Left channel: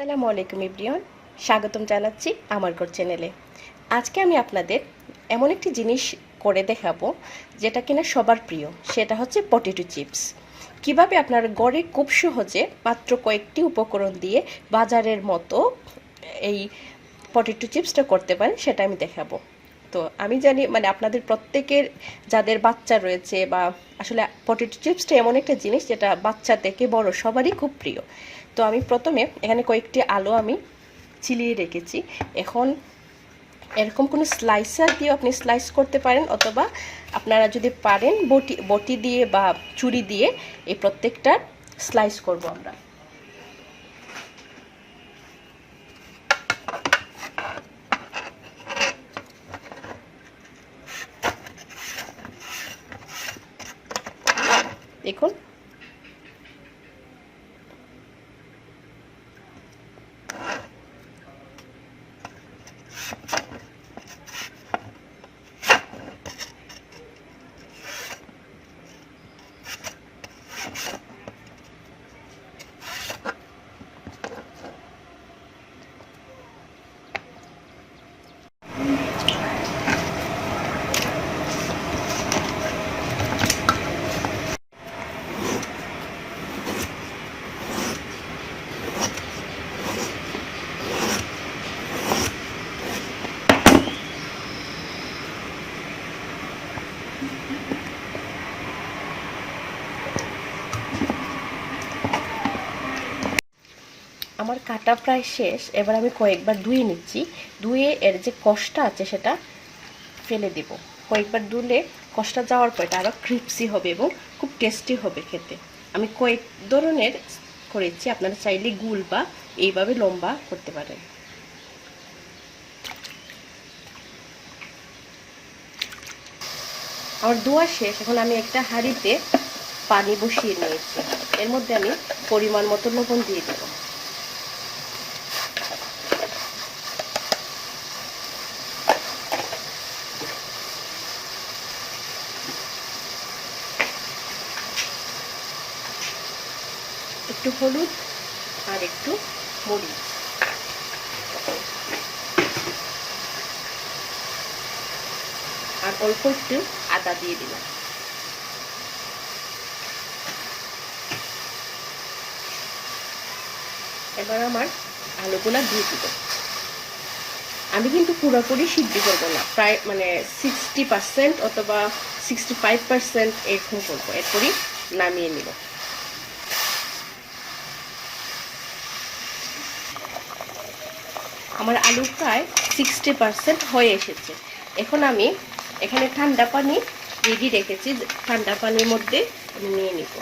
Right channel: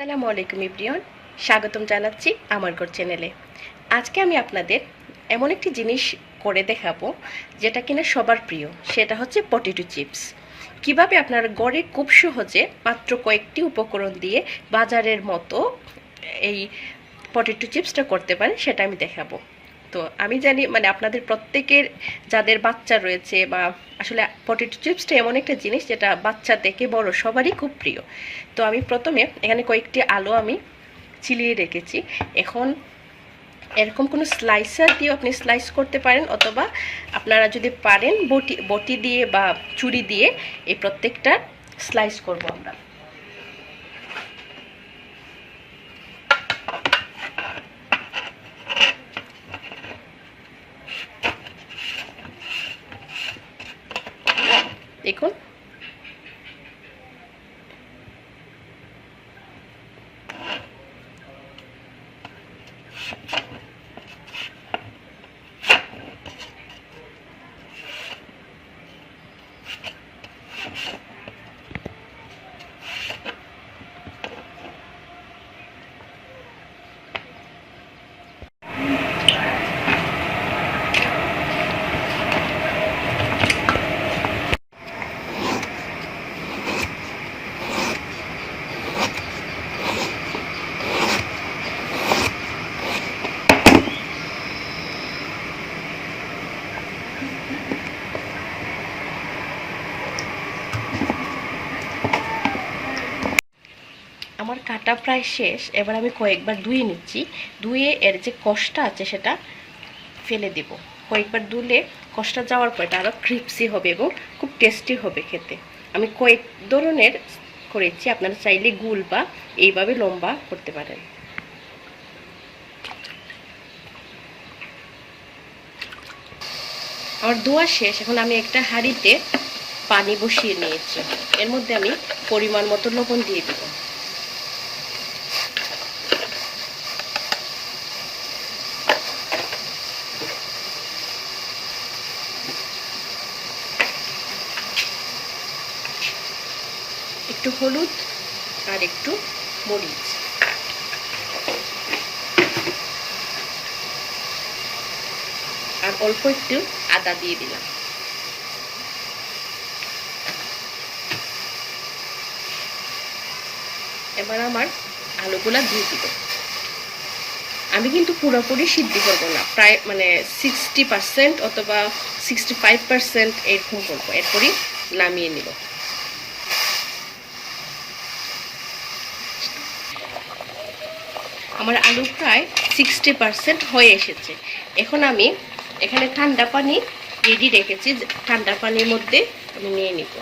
আসসালামু আলাইকুম এভরিওয়ান, স্বাগতম জানাচ্ছি আমার ঘর চ্যানেলে। আজকে আমি আপনাদের এমন একটি জিনিস করে দেখাবো যেটা কিনা সবার প্রিয়, সেটা হচ্ছে পটেটো চিপস। কিভাবে আপনার ঘরে খুব সহজে মাত্র কয়েকটি উপকরণ দিয়ে বাজারের মতো এই পটেটো চিপসটা করতে পারেন সেটা আমি দেখাবো। তো আমি জানি আপনাদের প্রত্যেকের যাদের বাচ্চা রয়েছে বা আসলে পটেটো চিপসটা এমন একটা জিনিস যেটা বাচ্চা থেকে বড় সবারই খুব প্রিয়। তো আমি প্রথমে এখানে কয়েকটি আলু আমি ছিলিয়ে রেখেছি। এখন এরকম কোনো স্লাইসার দিয়ে আপনি স্লাইস করতে পারেন, অথবা আপনারা যদি পারেন বটি বটি দিয়ে বা ছুরি দিয়ে এই প্রত্যেকটা স্লাইস করব আমরা। দেখুন, আমার কাটা প্রায় শেষ। এবার আমি কয়েকবার ধুয়ে নিচ্ছি। ধুয়ে এর যে কষটা আছে সেটা ফেলে দেব। কয়েকবার ধুলে কষটা যাওয়ার পর এটা আরও ক্রিপসি হবে এবং খুব টেস্টি হবে খেতে। আমি কয়েক ধরনের করেছি, আপনারা চাইলে গুল বা এইভাবে লম্বা করতে পারেন। আর ধোয়া শেষ। এখন আমি একটা হাঁড়িতে পানি বসিয়ে নিয়েছি। এর মধ্যে আমি পরিমাণ মতো লবণ দিয়ে দেব। একটু হলুদ আর একটু মরিচ, আর অল্প একটু আদা দিয়ে দিলাম। এবার আমার আলুগুলা দিয়ে দিব। আমি কিন্তু পুরোপুরি সিদ্ধ করবো না, প্রায় 60% অথবা 65% এরকম করবো, এরপরই নামিয়ে নিব। আমার আলু প্রায় 60% হয়ে এসেছে। এখন আমি এখানে ঠান্ডা পানি রেডি রেখেছি, ঠান্ডা পানির মধ্যে আমি নিয়ে নিব।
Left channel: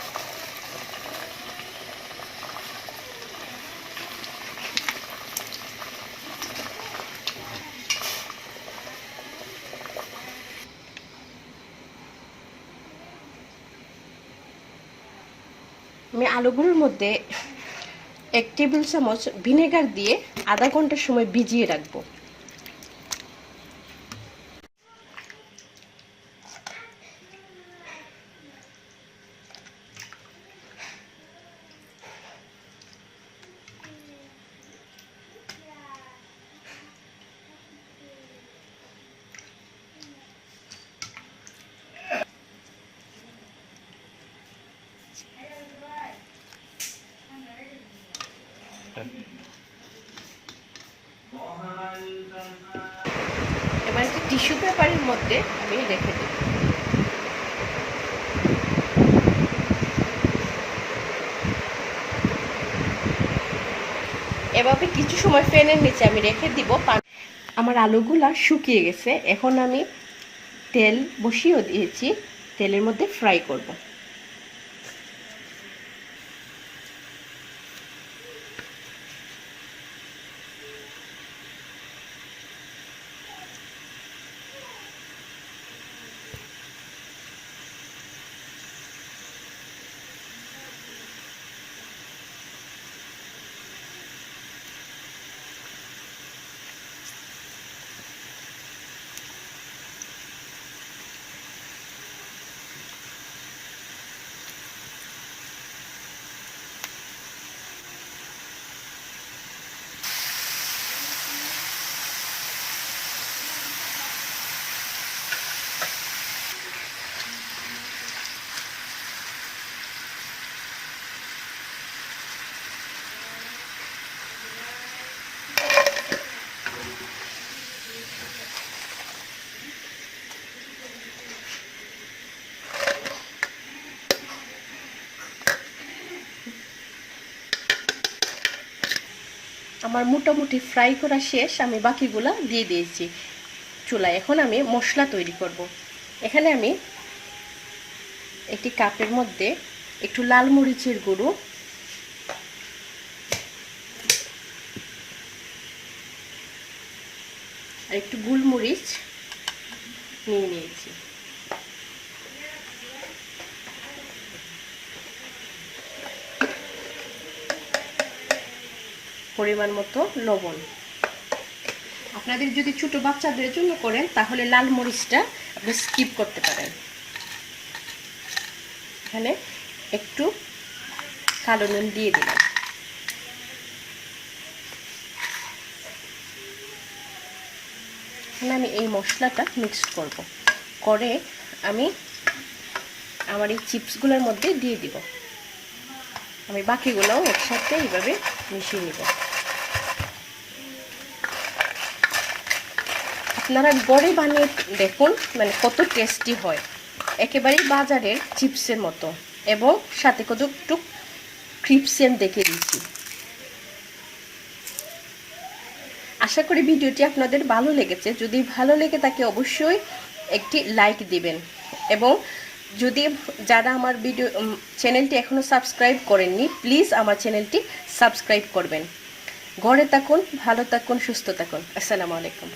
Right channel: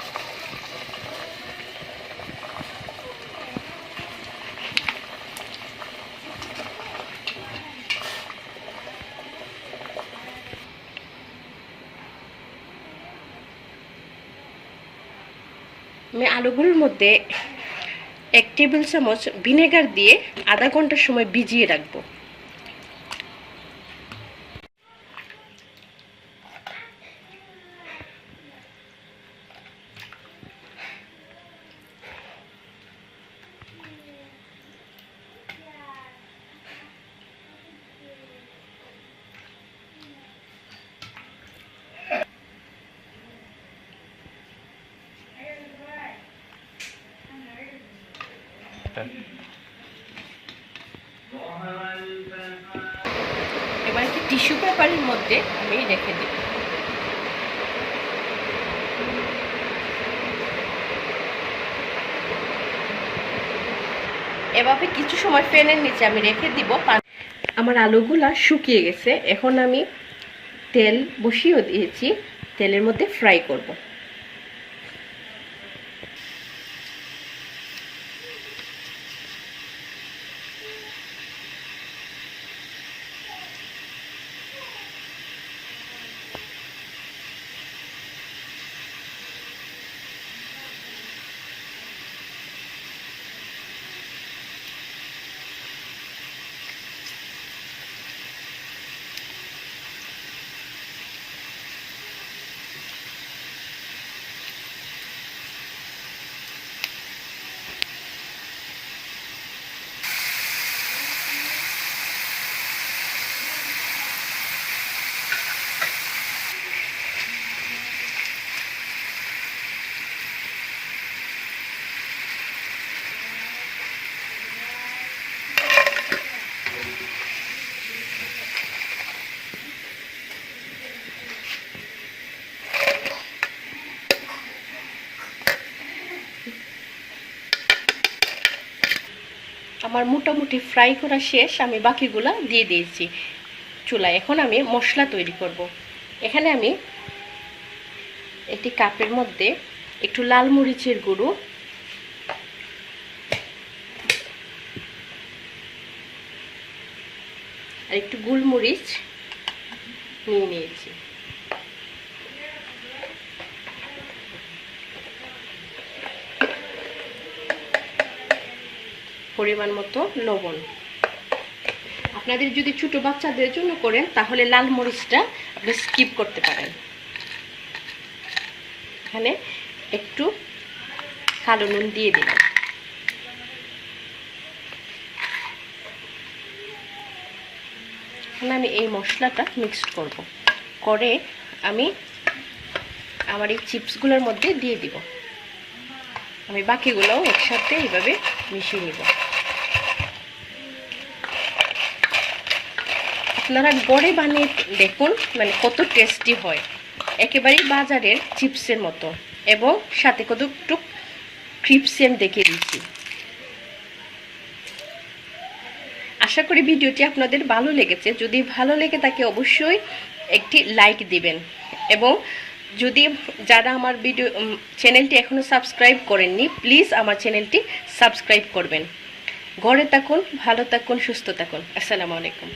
আমি আলুগুলোর মধ্যে 1 টেবিল চামচ ভিনেগার দিয়ে আধা ঘন্টা সময় ভিজিয়ে রাখবো। এবার একটা টিস্যু পেপারের মধ্যে আমি রেখে দেব। এভাবে কিছু সময় ফ্যানের নিচে আমি রেখে দিব। আমার আলুগুলা শুকিয়ে গেছে। এখন আমি তেল বসিয়ে দিয়েছি, তেলের মধ্যে ফ্রাই করব। আমার মোটামুটি ফ্রাই করা শেষ, আমি বাকিগুলা দিয়ে দিয়েছি চুলায়। এখন আমি মশলা তৈরি করব। এখানে আমি একটি কাপের মধ্যে একটু লাল মরিচের গুঁড়ো, আর একটু গোলমরিচ নিয়ে নিয়েছি। পরিমাণ মতো লবণ। আপনাদের যদি ছোট বাচ্চাদের জন্য করেন তাহলে লাল মরিচটা আপনি স্কিপ করতে পারেন। এখানে একটু কালো নুন দিয়ে দিলাম। এখন আমি এই মশলাটা মিক্স করব, করে আমি আমার এই চিপসগুলোর মধ্যে দিয়ে দিব। আমি বাকিগুলোও একসাথে এইভাবে মিশিয়ে নিব। আপনারা ঘরে বানিয়ে দেখুন, মানে কত টেস্টি হয়, একেবারেই বাজারের চিপসের মতো, এবং সাথে কত একটু ক্রিপসি আমি দেখে দিচ্ছি। আশা করি ভিডিওটি আপনাদের ভালো লেগেছে। যদি ভালো লেগে থাকে অবশ্যই একটি লাইক দিবেন, এবং যদি যারা আমার ভিডিও চ্যানেলটি এখনও সাবস্ক্রাইব করেননি প্লিজ আমার চ্যানেলটি সাবস্ক্রাইব করবেন। ঘরে থাকুন, ভালো থাকুন, সুস্থ থাকুন। আসসালামু আলাইকুম।